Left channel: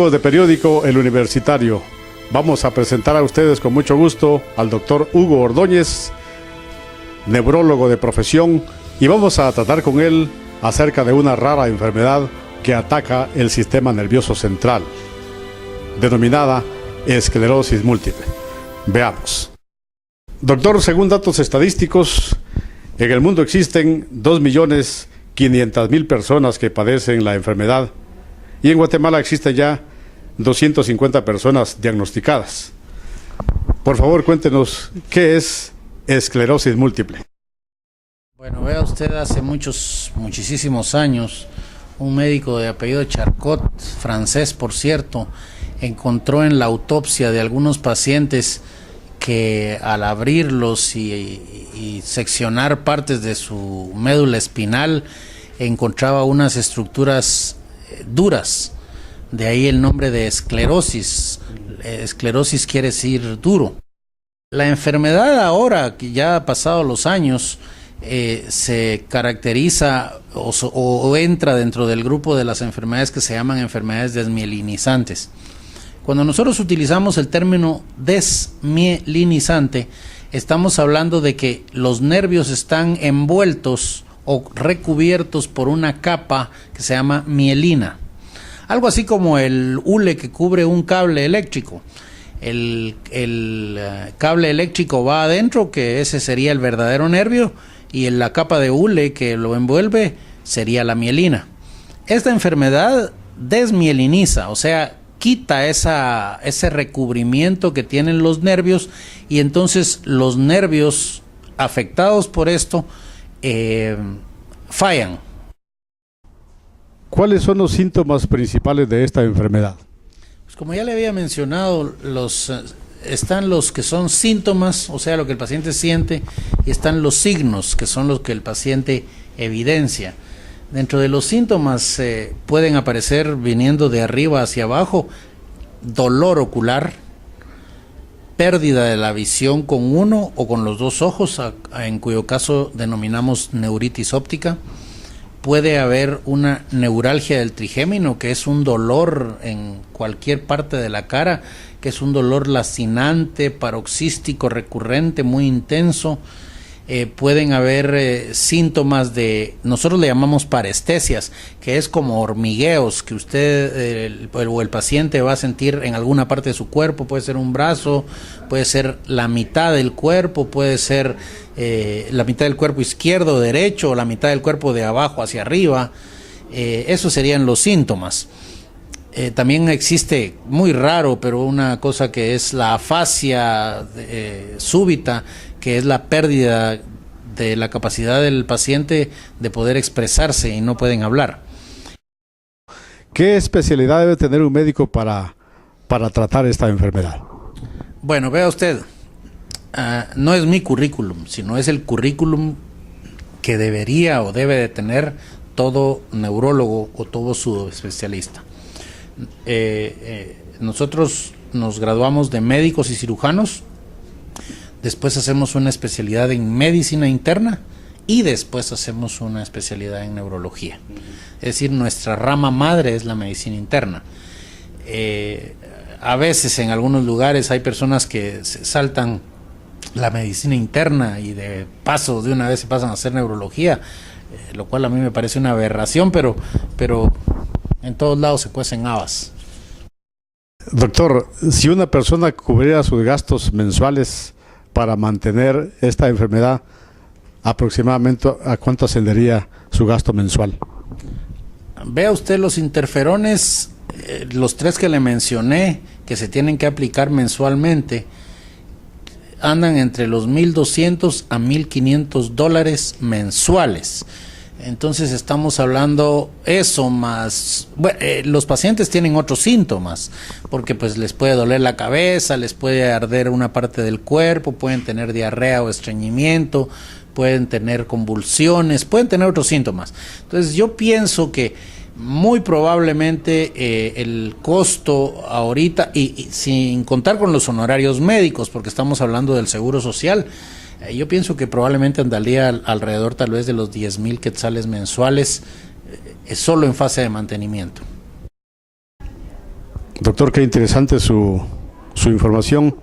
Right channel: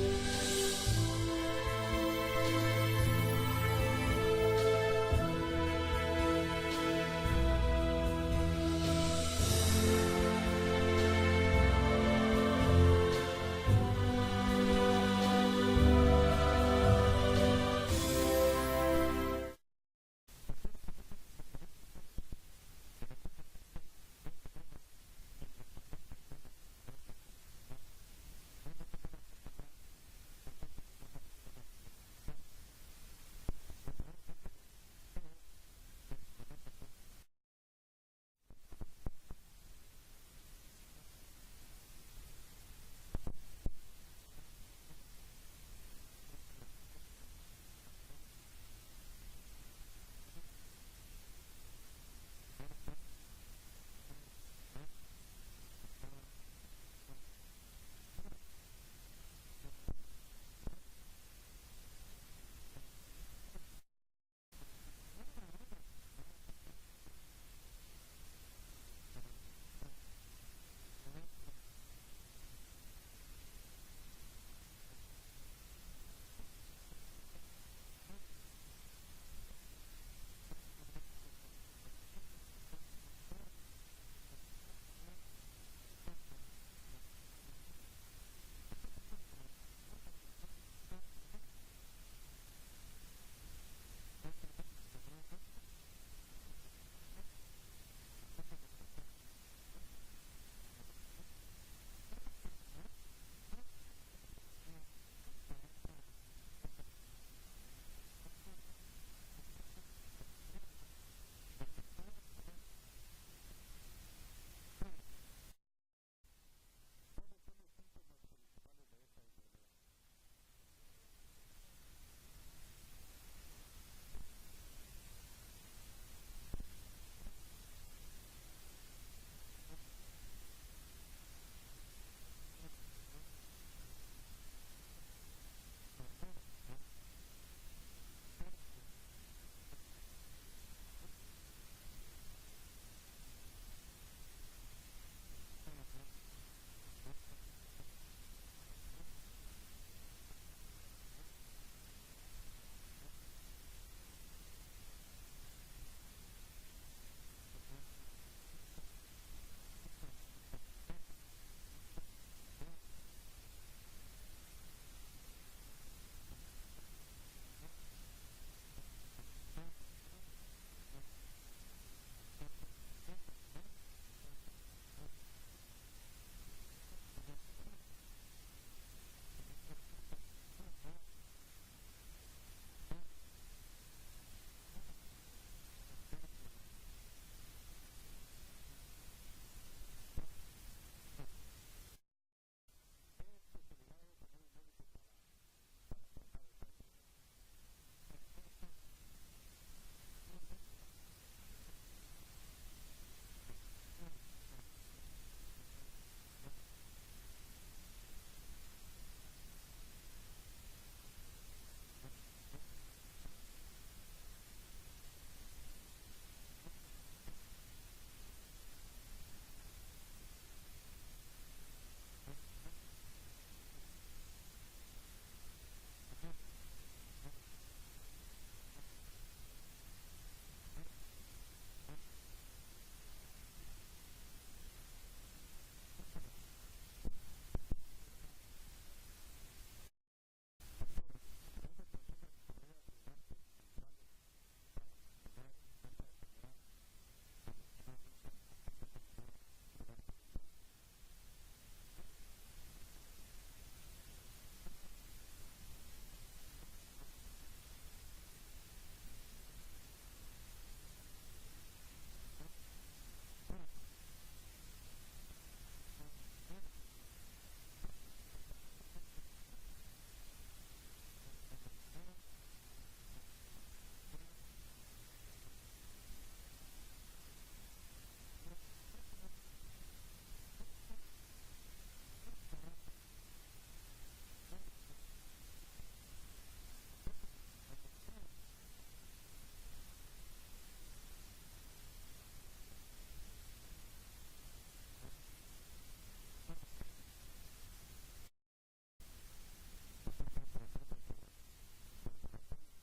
Amigos de periódico El Universitario, vamos a presentar a ustedes con mucho gusto al doctor Hugo Ordóñez, neurólogo de profesión, y vamos a tratar con él acerca de una rara enfermedad que ataca el sistema nervioso central, denominada esclerosis múltiple. Veamos. Doctor, según datos estadísticos, en el mundo existen 2.500.000 personas que padecen la enfermedad, y en Guatemala existen ya 250 personas diagnosticadas. Por favor, cuéntenos, ¿qué es esclerosis múltiple? Bueno, vea usted, hace muchísimos años, un médico de apellido Charcot, francés por cierto, encontró en la autopsia de algunos pacientes que al abrirlos y seccionar partes de su médula espinal encontraba unas estructuras duras, de ahí el nombre de esclerosis. Esclerosis quiere decir duro. La enfermedad ahora, que ya ha pasado los años, se caracteriza o entra dentro del grupo de las enfermedades que se llaman enfermedades desmielinizantes. Cuando nosotros utilizamos el término desmielinizante, estamos hablando de que los nervios están envueltos o recubiertos por una capa que se llama mielina. Algo así como el hule que cubre un cable eléctrico. El cable eléctrico va adentro, que ese sería el verdadero nervio, y en la capa de hule que lo envuelve sería la mielina. Esta enfermedad desmieliniza, o sea, quita ese recubrimiento que tienen los nervios, y entonces los nervios afectados por esto fallan. ¿Cuáles son los síntomas principales de esta enfermedad? Pues como ya le había mencionado, están los que son síntomas, o sea, lo que el paciente siente, y están los signos, que son los que el paciente evidencia. Dentro de los síntomas pueden aparecer, viniendo de arriba hacia abajo, dolor ocular, pérdida de la visión con uno o con los dos ojos, en cuyo caso denominamos neuritis óptica. Puede haber una neuralgia del trigémino, que es un dolor en cualquier parte de la cara, que es un dolor lacinante, paroxístico, recurrente, muy intenso. Pueden haber síntomas de, nosotros le llamamos parestesias, que es como hormigueos que usted o el paciente va a sentir en alguna parte de su cuerpo. Puede ser un brazo, puede ser la mitad del cuerpo, puede ser la mitad del cuerpo izquierdo o derecho, o la mitad del cuerpo de abajo hacia arriba. Esos serían los síntomas. También existe, muy raro, pero una cosa que es la afasia súbita, que es la pérdida de la capacidad del paciente de poder expresarse y no pueden hablar. ¿Qué especialidad debe tener un médico para tratar esta enfermedad? Bueno, vea usted, no es mi currículum, sino es el currículum que debería o debe de tener todo neurólogo o todo subespecialista. Nosotros nos graduamos de médicos y cirujanos, después hacemos una especialidad en medicina interna y después hacemos una especialidad en neurología. Es decir, nuestra rama madre es la medicina interna. A veces en algunos lugares hay personas que se saltan la medicina interna y de paso de una vez se pasan a hacer neurología, lo cual a mí me parece una aberración, pero en todos lados se cuecen habas. Doctor, si una persona cubriera sus gastos mensuales para mantener esta enfermedad, aproximadamente ¿a cuánto ascendería su gasto mensual? Vea usted los interferones, los 3 que le mencioné, que se tienen que aplicar mensualmente, andan entre los $1,200 a $1,500 mensuales. Entonces estamos hablando eso más, bueno, los pacientes tienen otros síntomas, porque pues les puede doler la cabeza, les puede arder una parte del cuerpo, pueden tener diarrea o estreñimiento, pueden tener convulsiones, pueden tener otros síntomas. Entonces yo pienso que muy probablemente el costo ahorita, y sin contar con los honorarios médicos, porque estamos hablando del seguro social, yo pienso que probablemente andaría alrededor tal vez de los 10,000 quetzales mensuales, solo en fase de mantenimiento. Doctor, qué interesante su información.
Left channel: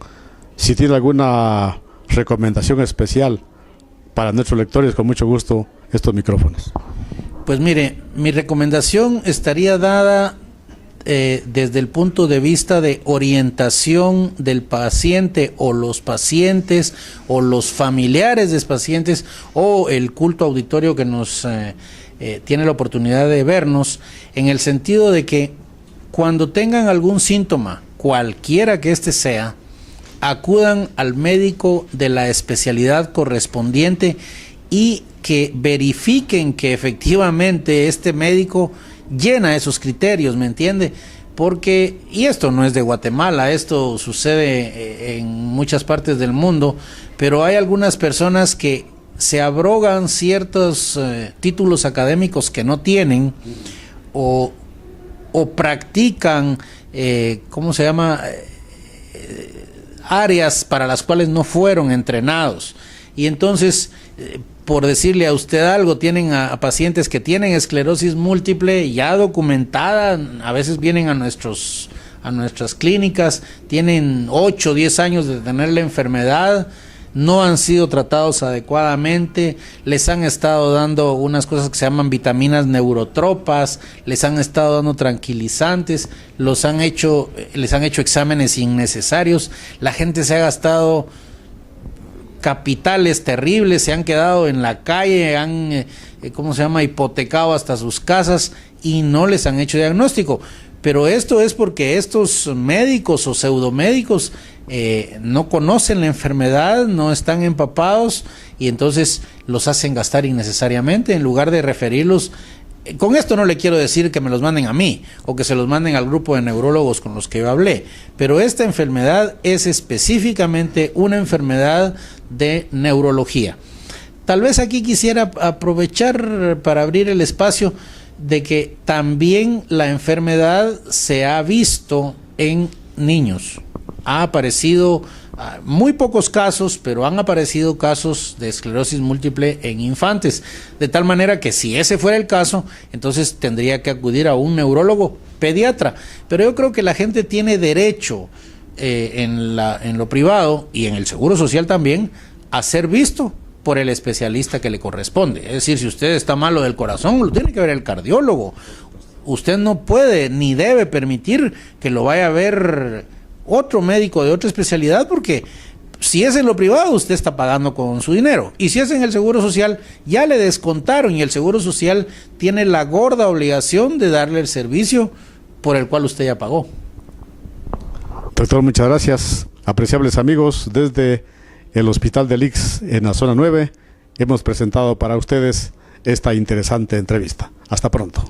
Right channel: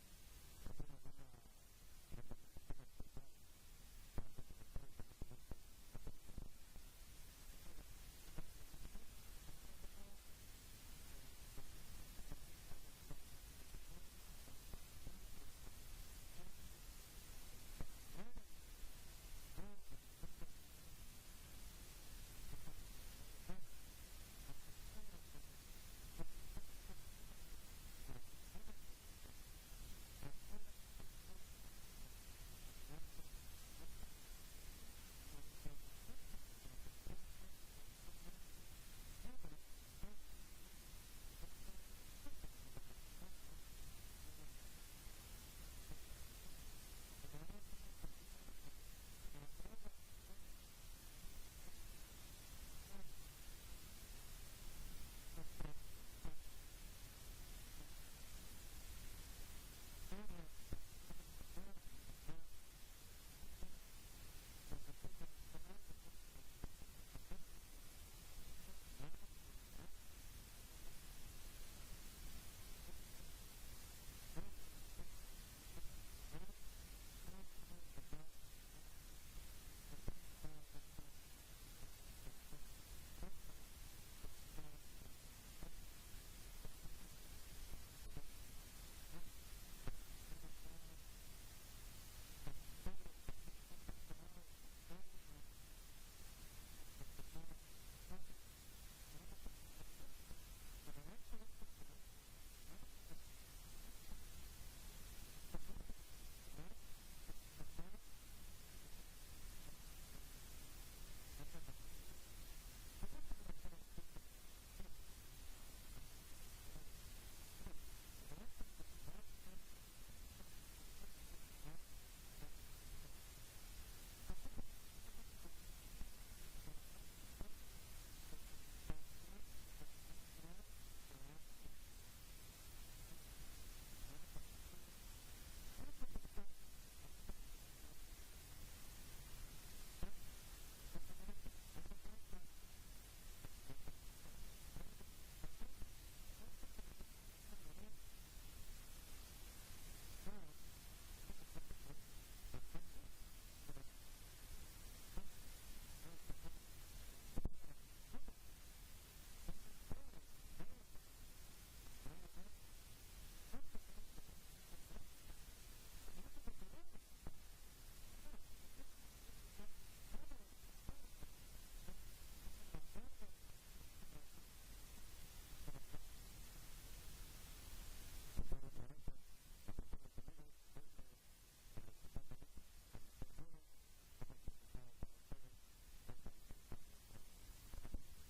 Si tiene alguna recomendación especial para nuestros lectores, con mucho gusto, estos micrófonos. Pues mire, mi recomendación estaría dada desde el punto de vista de orientación del paciente o los pacientes o los familiares de pacientes o el culto auditorio que nos tiene la oportunidad de vernos, en el sentido de que cuando tengan algún síntoma, cualquiera que éste sea, acudan al médico de la especialidad correspondiente y que verifiquen que efectivamente este médico llena esos criterios, ¿me entiende? Porque, y esto no es de Guatemala, esto sucede en muchas partes del mundo, pero hay algunas personas que se abrogan ciertos títulos académicos que no tienen o practican, ¿cómo se llama? Áreas para las cuales no fueron entrenados. Y entonces, por decirle a usted algo, tienen a pacientes que tienen esclerosis múltiple ya documentada, a veces vienen a nuestras clínicas, tienen 8 o 10 años de tener la enfermedad, no han sido tratados adecuadamente, les han estado dando unas cosas que se llaman vitaminas neurotropas, les han estado dando tranquilizantes, les han hecho exámenes innecesarios, la gente se ha gastado capitales terribles, se han quedado en la calle, han, hipotecado hasta sus casas y no les han hecho diagnóstico. Pero esto es porque estos médicos o pseudomédicos no conocen la enfermedad, no están empapados y entonces los hacen gastar innecesariamente en lugar de referirlos. Con esto no le quiero decir que me los manden a mí o que se los manden al grupo de neurólogos con los que yo hablé, pero esta enfermedad es específicamente una enfermedad de neurología. Tal vez aquí quisiera aprovechar para abrir el espacio de que también la enfermedad se ha visto en niños. Ha aparecido muy pocos casos, pero han aparecido casos de esclerosis múltiple en infantes, de tal manera que si ese fuera el caso, entonces tendría que acudir a un neurólogo pediatra. Pero yo creo que la gente tiene derecho en lo privado y en el Seguro Social también a ser visto por el especialista que le corresponde. Es decir, si usted está malo del corazón, lo tiene que ver el cardiólogo. Usted no puede ni debe permitir que lo vaya a ver otro médico de otra especialidad, porque si es en lo privado usted está pagando con su dinero, y si es en el Seguro Social ya le descontaron y el Seguro Social tiene la gorda obligación de darle el servicio por el cual usted ya pagó. Doctor, muchas gracias. Apreciables amigos, desde el Hospital del Ix en la zona 9 hemos presentado para ustedes esta interesante entrevista. Hasta pronto.